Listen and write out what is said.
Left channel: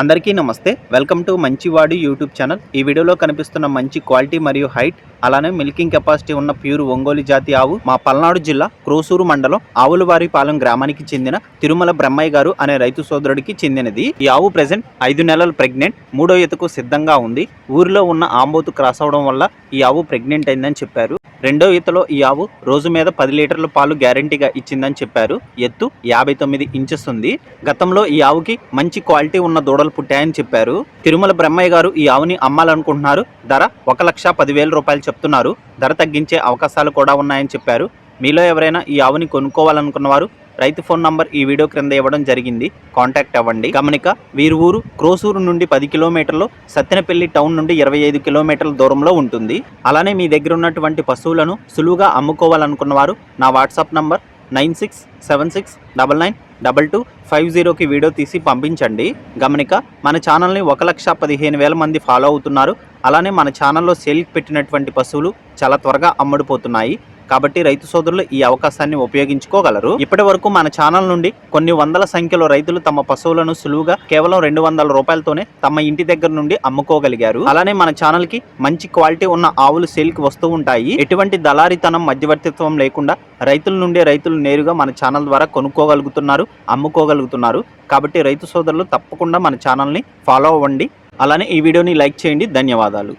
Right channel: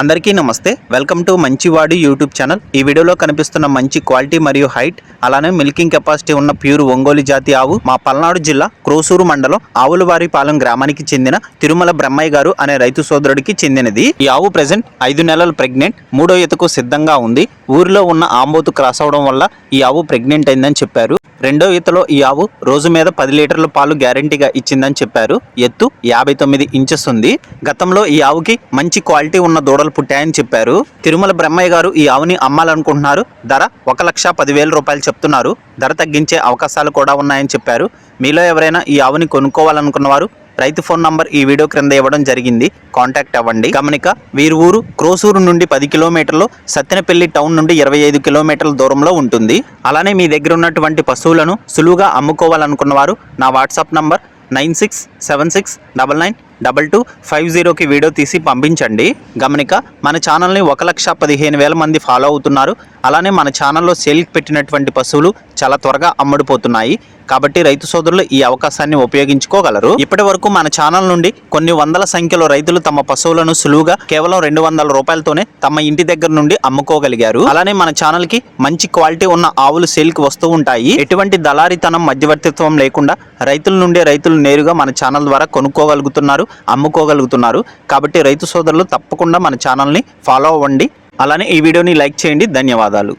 అందరికీ నమస్తే, welcome to మంచివాడి YouTube channel. ఈ వీడియోలో కనిపిస్తున్న మంచి క్వాలిటీ మరియు హైట్ అలానే మిల్కింగ్ కెపాసిటీ ఉన్న ప్యూర్ ఒంగోలు జాతి ఆవు మా పల్నాడు జిల్లా క్రోసూరు మండలం ఆవులవారిపాలెం గ్రామానికి చెందిన తిరుమల బ్రహ్మయ్య గారు అనే రైతు సోదరుడికి చెందినది. ఈ ఆవు ప్రెజెంట్ 5 నెలలు ప్రెగ్నెంట్, 3వ ఈతకు సిద్ధంగా ఉంది. ఊరిలో ఉన్న ఆంబోతు క్రాస్ అవడం వల్ల ఈ ఆవు ప్రెగ్నెంట్ అయిందని చెప్పారు. 2వ ఈతలో ఈ ఆవు రోజు మీద 10 లీటర్ల పాలు గ్యారంటీగా ఇచ్చిందని చెప్పారు. ఎత్తు 59 ఇంచెస్ ఉంది. గతంలో ఈ ఆవుకి మంచి క్వాలిటీ ఉన్న దూడలు పుట్టాయని చెప్పారు. తిరుమల బ్రహ్మయ్య గారు ఈ ఆవుని అమ్మాలనుకుంటున్నారు. ధర 1,10,000 రూపాయలు చెప్తున్నారు. ధర తగ్గించే అవకాశాలు కూడా ఉన్నాయని చెప్పారు. మీలో ఎవరైనా ఈ ఆవుని కొనుక్కోవాలనుకున్నవారు రైతు ఫోన్ నంబర్ ఈ వీడియో క్రింద ఇవ్వడం జరిగింది, కాంటాక్ట్ అవ్వండి. గమనిక, వీరి ఊరు క్రోసూరు నుండి 10 కిలోమీటర్లు, సత్తెనపల్లి టౌన్ నుండి 25 కిలోమీటర్ల దూరంలో ఉంటుంది. అలానే మీ దగ్గర ఉన్నటువంటి పశువులను సులువుగా అమ్ముకోవాలనుకున్న వారు నా వాట్సాప్ నంబర్ 9676999250కి వీడియో తీసి పంపించండి. గమనిక, మన ఛానల్ని 1,15,000 మంది ఫాలో అవుతున్నారు. అలానే మన ఛానల్లో సేల్కి పెట్టినటువంటి పశువులు చాలా త్వరగా అమ్ముడుపోతున్నాయి. కాబట్టి రైతు సోదరులు ఈ అవకాశాన్ని ఉపయోగించుకోగలరు. ఇప్పటి వరకు మన ఛానల్ నుండి కొన్ని వందల సంఖ్యలో రైతులు తమ పశువులను సులువుగా కేవలం 200 రూపాయలతోనే తమ ఇంటి దగ్గర నుండి అమ్ముకోగలిగారు. అలానే మన ఛానల్ కి మంచి క్వాలిటీ ఉన్న ఆవులు సేల్కి వస్తూ ఉంటాయి. ఎటువంటి దళారీతనం, మధ్యవర్తిత్వం లేకుండా రైతుల నుండి రైతులు నేరుగా మన ఛానల్ ద్వారా కొనుక్కోగలుగుతున్నారు, అమ్ముకోగలుగుతున్నారు. కాబట్టి రైతు సోదరులు తప్పకుండా మన ఛానల్ని ఫాలో అవ్వండి. అలానే ఈ వీడియోని లైక్ చేయండి. ధన్యవాదాలు.